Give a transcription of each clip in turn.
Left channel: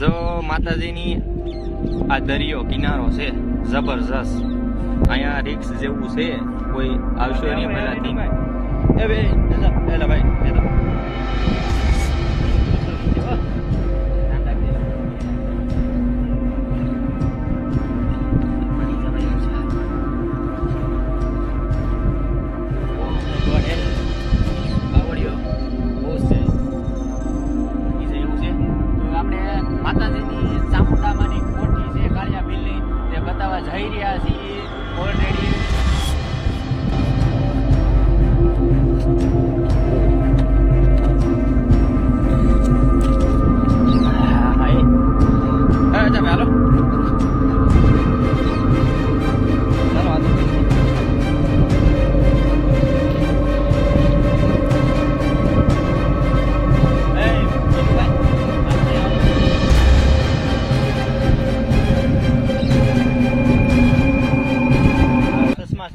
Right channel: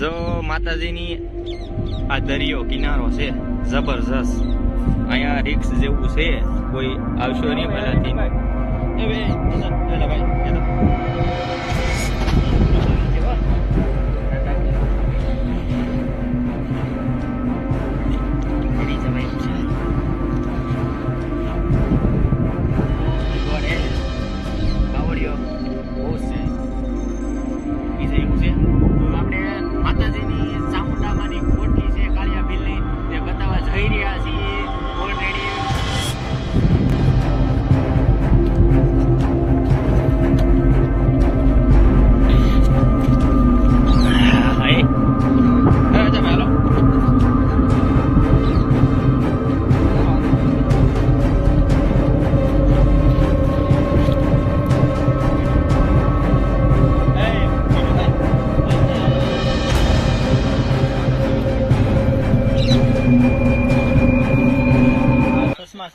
જો માતાજીની આ દરિયો કિનારો છે જબરજસ્ત. અહીંયા રિક્સ જેવું છે, કોઈ આવશો નહીં પહેલાથી. માતાજીની ચામુંડામાંની કોઠી છે કાળિયા ભીલની, તે બતાવવા જઈ રહ્યા છીએ ઓલરેડી.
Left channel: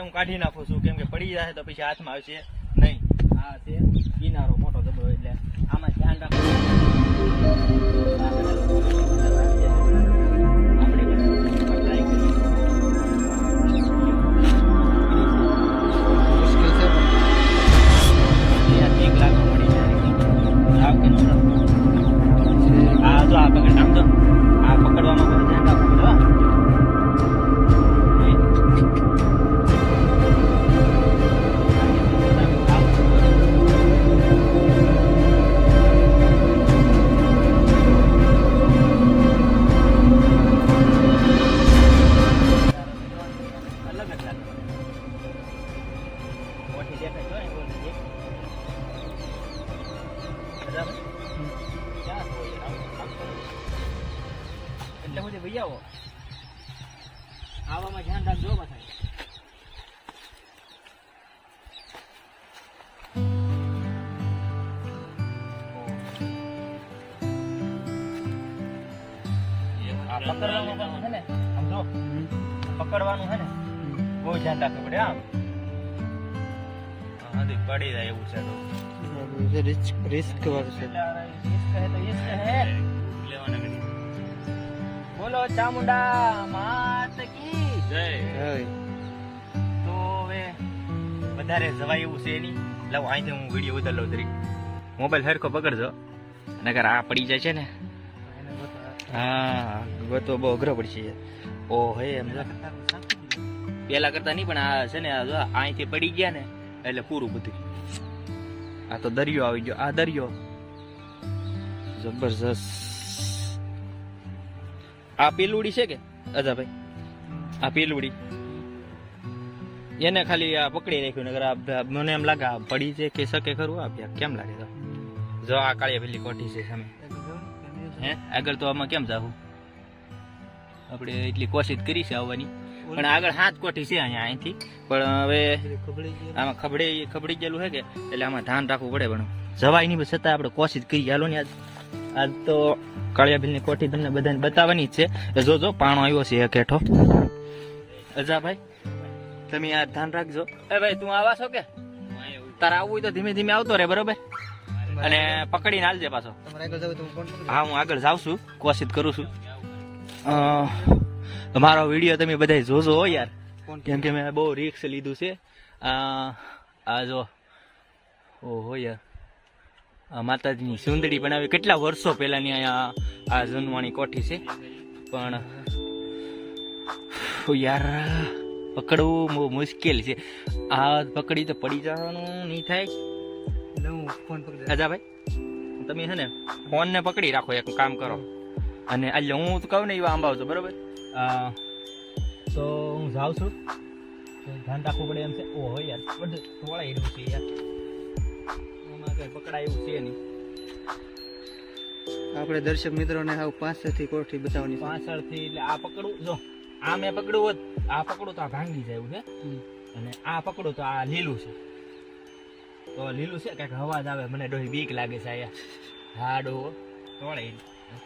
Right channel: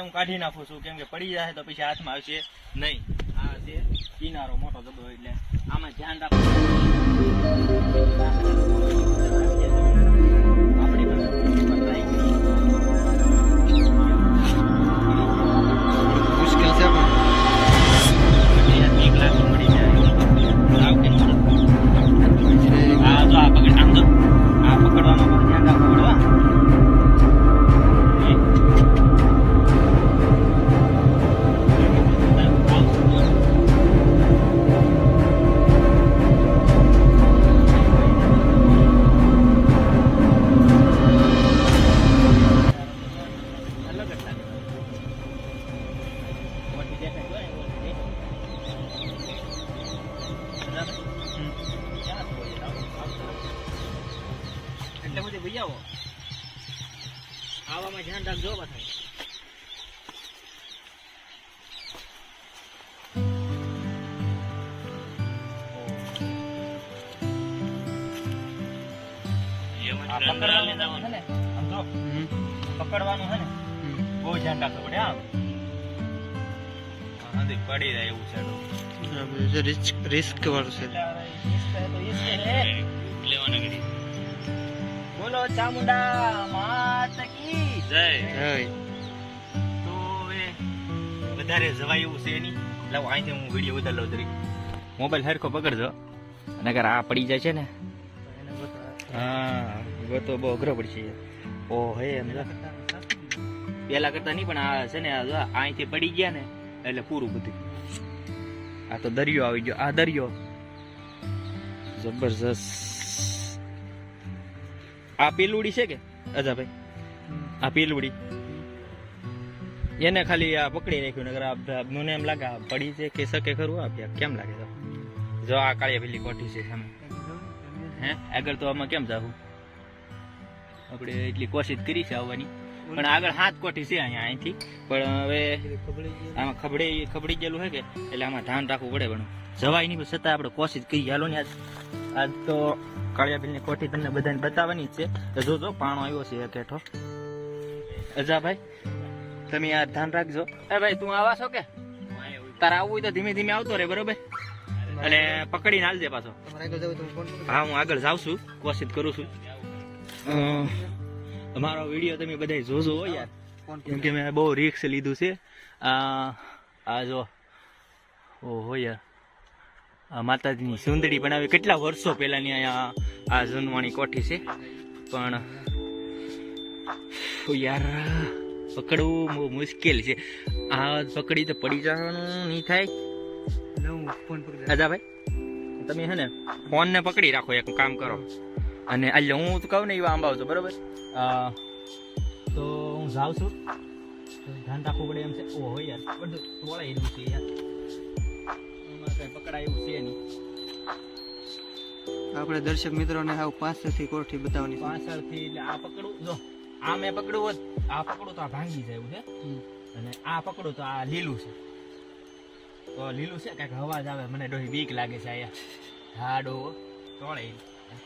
હું કાઢી નાખું છું કેમ કે પડી જાય તો પછી હાથમાં આવશે નહીં. આ છે કિનારો મોટો બધો, એટલે આમાં ધ્યાન રાખવું. મુશ્કેલ છે પણ 1 લાખ મળી જાય. આ પકડવાનું ધ્યાન રાખવું પડે. એટલે હું ભાઈ આવો આવામાં ધ્યાન રાખજો બધા. પકડવાનું છે ને બહુ ધ્યાન રાખવું પડે. આમ પડી જાય એવું છે, રિસ્ક વાળું છે. બોલો ચામુંડા માત કી જય. તો હવે વધારે જવાય એવું છે નહીં. લાવો અહીંથી હું વિડીયો વધારે લઉં તરીકે. મોબાઈલ હરખો પકડજો, નકર આ પડી જાય છે ને. હા ગોતો બહુ અઘરો પડશે. ઓ હે એમ પેલા કરતા નહીં, પણ આ છે ને અહીંથી પડી ગયા ને એટલે પૂરું બધું. આ તો દરિયો આવી ગયો. આ દરિયો જબરજસ્ત. આ પેલુડી છે કે અજાભાઈ? આ પેલુડી એને ખાલી આ પકડી રાખ્યું. નગર મને એમ લાગે પડી છે કે શકે ખરું. આ કેમ લાગે તો જો આ કાળિયા પેલી કોઠી છે સામે. હે આગળ તો આમાં કેમ જાવું? આપણે એટલી કોશિશ કરી છે આવવાની, પણ આગળ 7 કોઠી છે અહીંયા અહીંથી. પણ હવે આમાં ખબડી ગયેલું છે કે એટલે આમાં ધ્યાન રાખવું પડે. પણ જવાય નહીં, છતાં આપણે કોશિશ કરી. હાલો ને આજ તો કાળિયા ભીલની કોઠી તમને બધાને બતાવવાની જ છે. જોજો પાણો આવ્યો છે એક હેઠો. અજાભાઈ તમે આ ધ્યાન રાખજો. એ ભાઈ તું આવા છો કે? તારે આવવું હોય તો ધીમે ધીમે આવતો રે, બરોબર? અને પકડીને હાલજે પાછો. હા હું આગળ જાઉં છું, કોશિશ કરું છું. મારો વિડીયો તમે બધા જોજો હો યાર, કેમ કે મેં બહુ રિસ્ક લીધું છે. આ જો ઓહો યાર, માતાજીની સુંદડી બનાવી કેટલા વર્ષો પહેલાની અહીંયા આ જૂનવાણી કોઠી છે. પણ યાર પકડવું બહુ મુશ્કેલ છે. આ પકડી તો પડી જવાનું નહીં થાય. અજા ભાઈ તમે છે ને ફોન ને પકડી રાખો, એક કામ કરો. અને એટલે હું કહું ને એવા આંબાવજો, બરોબર? તો હું જાઉં છું, ધ્યાન રાખવું પડે એમ છે. ઓહો યાર બધું તોળાઈ રહ્યું છે યાર, એમાં કઈ પકડાય એવું છે નહીં. આપણે દર્શક મિત્રોને હાવ પાછળથી કોઠી બતાવવાની. પાછળથી એટલે આ પકડું, જો આ મેં પકડું હોત, આ પકડું તો આ ભાંગી જાય એવું છે. અને આ પકડું તો આ લીલું છે. તો લીલું છે કંઈક અવાજ આવે, મને ડોહી બીક લાગે છે અહીંયા. હા ડોહો તોળાઈ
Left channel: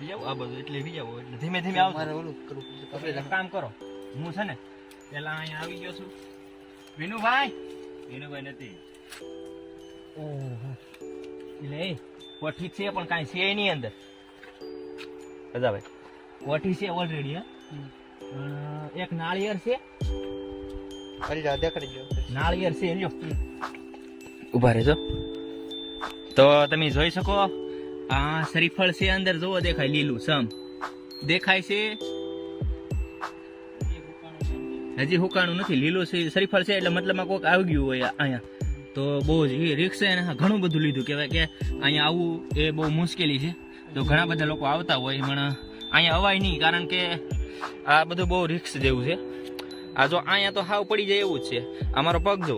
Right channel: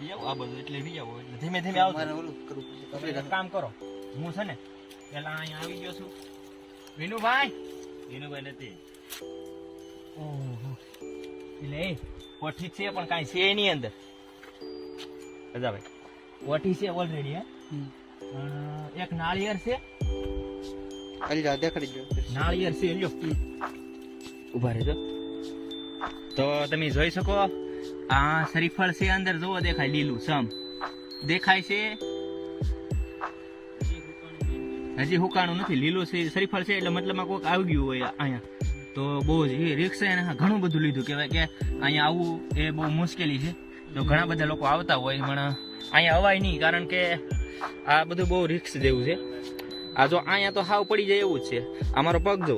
જાવ આ બધું, એટલે બી જાવ એટલે ધીમે ધીમે આવો. મારે ઓલું કરવું પડશે. કામ કરો, હું છે ને પેલા અહીંયા આવી ગયો છું. વિનુભાઈ નથી. ઓહો એટલે એ કોઠી છે પણ કાંઈ છે એની અંદર. ભાઈ કોઠી છે ઓલરેડી. એક નાળિયેર છે, ખાલી રાધા કરી દો. નાળિયેર છે લ્યો. ઉભા રહેજો. તો તમે જોઈ શકો આ શ્રીફળ છે અંદર, જોવો દેખાય લીલું સમ દેખાય છે. હજી હુકાણું નથી, લીલું છે શ્રીફળ છે એટલે મતલબમાં કોઈક આવી ગયું હોય અહીંયા. તો બહુ જ રિક્સ છે, ઘણું બધું લીધું કહેવાય કે અહીંયા આવવું એ બહુ મુશ્કેલી છે. તો ઘણા બધા લોકો આવતા હોય પણ અહીંયા અવાય નહીં, કારણ કે આ બધું બહુ રિક્સ જેવું છે. આ જો અહીંયા તો હાવ પડી જાય એવું જ છે. અમારો પગ જો,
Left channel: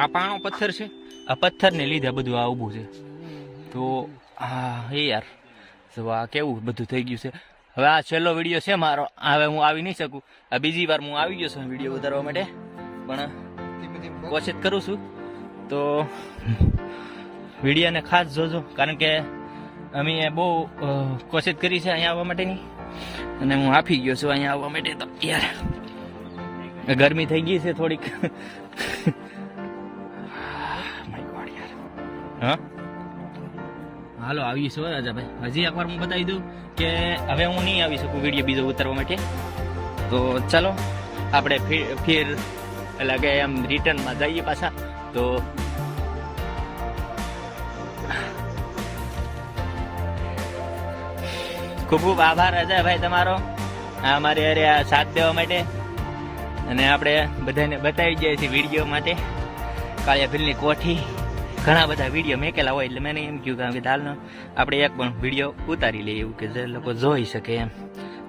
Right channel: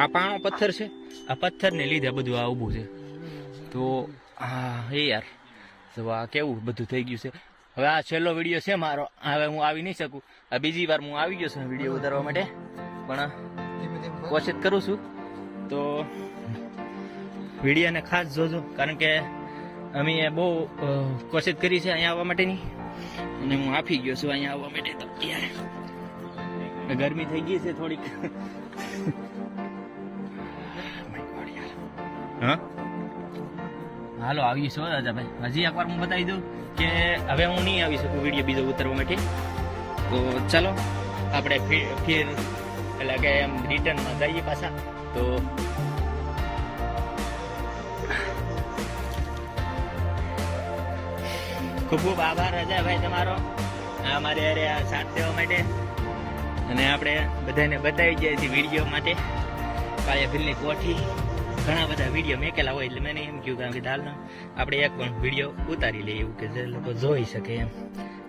આ પાણો પથ્થર છે, આ પથ્થરને લીધે બધું આ ઊભું છે. તો હા એ યાર જો આ કેવું બધું થઈ ગયું છે. હવે આ છેલ્લો વિડીયો છે મારો, હવે હું આવી નહીં શકું. આ બીજી વાર હું આવી ગયો છું વિડીયો ઉતારવા માટે, પણ કોશિશ કરું છું. તો વિડીયોને ખાસ જોજો, કારણ કે અમે બહુ કોશિશ કરી છે અહીંયા આવવા માટેની, અને હું આપી ગયો છું અહીંયા આવવા માટે. તો યાર ગરમી થઈ ગઈ છે થોડીક. હા હાલો આવીશું રાજાભાઈ. હજી એકવાર હું બતાવી દઉં કે હવે હું નહીં આવી શકું વિડીયો બીજો ઉતારવા માટે. તો ચાલો આપણે ફિર એટલે કે એમ રિટર્નમાં જઈએ પાછા. તો ખૂબ ખૂબ આભાર રાજાભાઈ તમારો અમારે અરે આ સાથ દેવા માટે, અને આપણે બધાને બતાવી જાય છે વિડીયો માટે કાળિયા ભીલની કોઠી. ઘણા બધા વિડીયો મેકેલા હોય એટલે મેં એમ કહ્યું કે હાલનો આપણે એક પણ વિડીયો ઉતારી લઈએ, એવું કે જે લોકો જોઈ શકે એમ.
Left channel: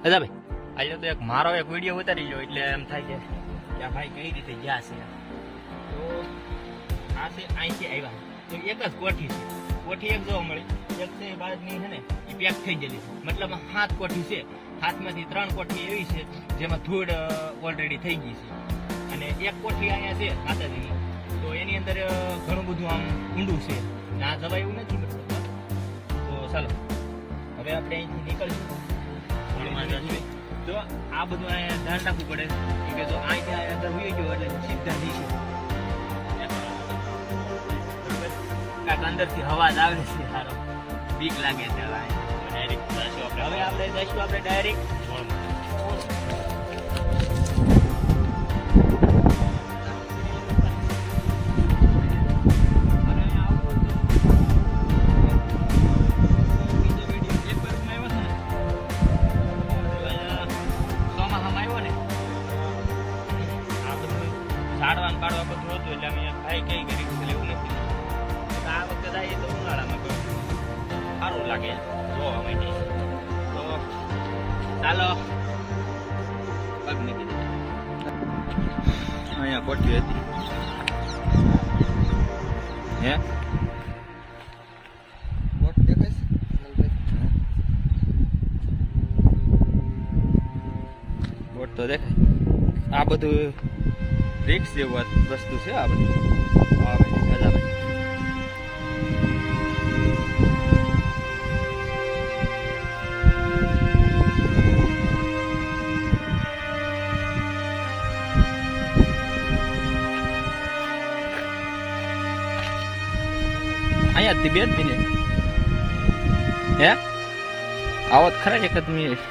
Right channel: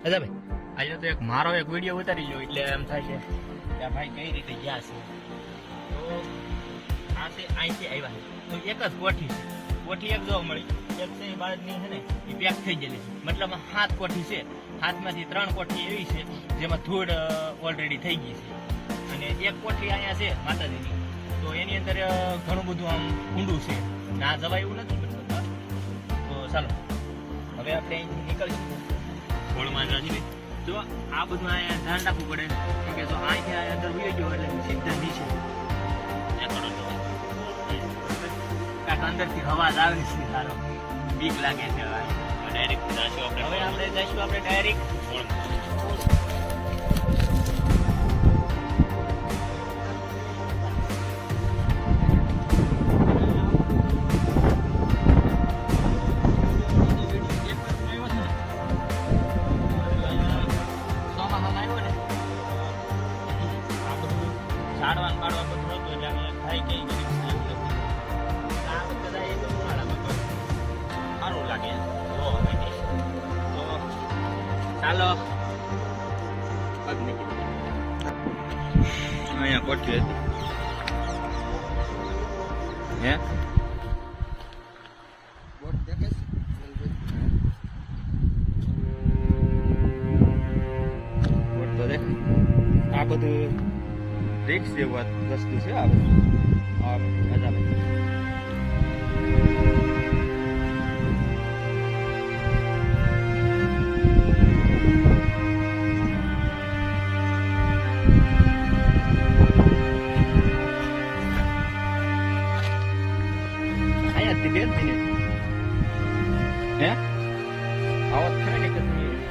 રાજાભાઈ આજે તો એક મારો એક વિડીયો ઉતારી લો એટલે એમ થાય કે ભાઈ કઈ રીતે ગયા છે. તો આ છે અહીંથી આવ્યા તો એક જ કોઠી છે. કોઠી એક જોવા મળી, એક છે એ બાજુની છે ને એ પેક થઈ ગયેલી છે. મતલબ 7 કોઠી છે, 7માંથી 3 કોઠી એવી છે જેમાં ધૂળ ઓલરેડી થઈ ગઈ છે, અને એક કોઠી અહીંયા છે માતાજીની. તો એની અંદર ઘણું બધું આમ ઊંડું છે, ના જવાય એવું નથી બધું. તો ચાલો હવે આપણે અહીંથી નીકળશું હોળમાં જઈએ. જો આ બધું અહીંયા ધ્યાન રાખવું પડે, કે જો અહીંથી અંદર હોઈ ગયો એટલે સીધા જઈશું. અંદરથી અવાજ આવે છે સારો, બીક લાગે છે. ડાયરેક્ટ જઈશું આપણે, હવે આપણે જઈશું આપણે ડાયરેક્ટ. ઝાડવાનું કાઢવા બધું હતું એટલે અમે ખાઈ કઈ ગરીબ એવું નથી. આ વખતે જઈએ તો ઉનાળામાં તો સારું લાગે જોવા માટે. તો ચાલો પગ મૂકી દીધા. અહીંયા કોઠી હતી હે કોટ તો દેખ. આ બધું રિક્સ જેવું વસ્તુ છે આ બધું. અહીંયા તિબેટ મિનિટ હે આવો ખરા એક મિનિટ.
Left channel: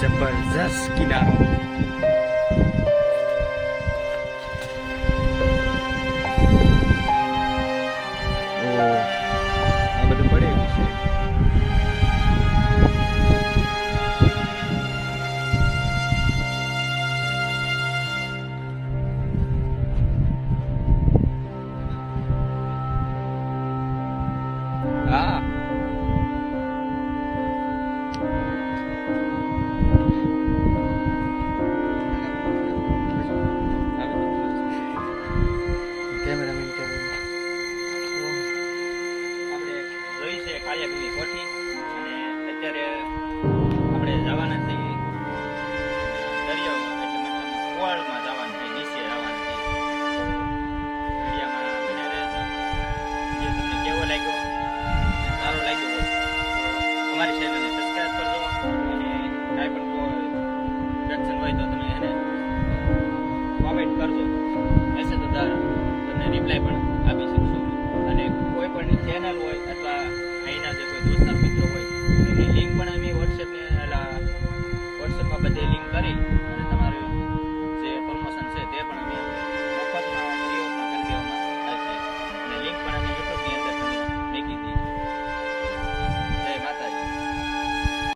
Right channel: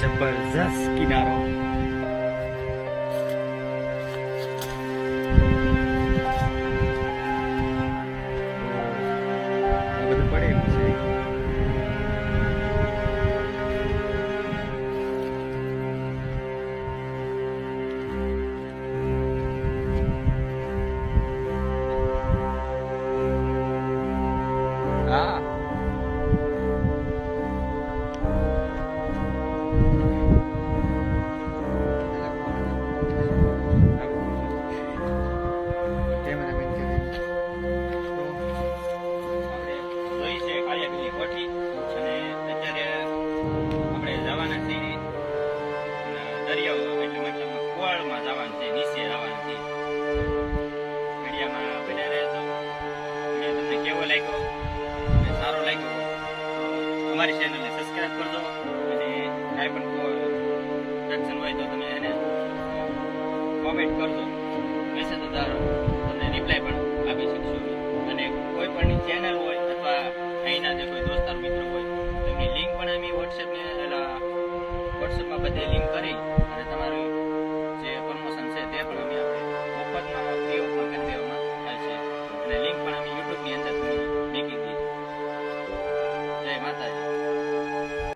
જબરજસ્ત કિનારો. આ બધું પડે છે. હા પ્રોવાઈડ કરજો મેસેજ દ્વારા તમને રિપ્લાય પણ આપી શકશું અને કોઈ પણ ચેનલ હોય અથવા અહીંના જે કોઈ દોસ્તાર મિત્રો હોય એની લિંક પણ અમે વોટ્સએપમાં બધી લિંક કરી અને તમારું જે પ્રમોશન છે તે પણ અમે મફતમાં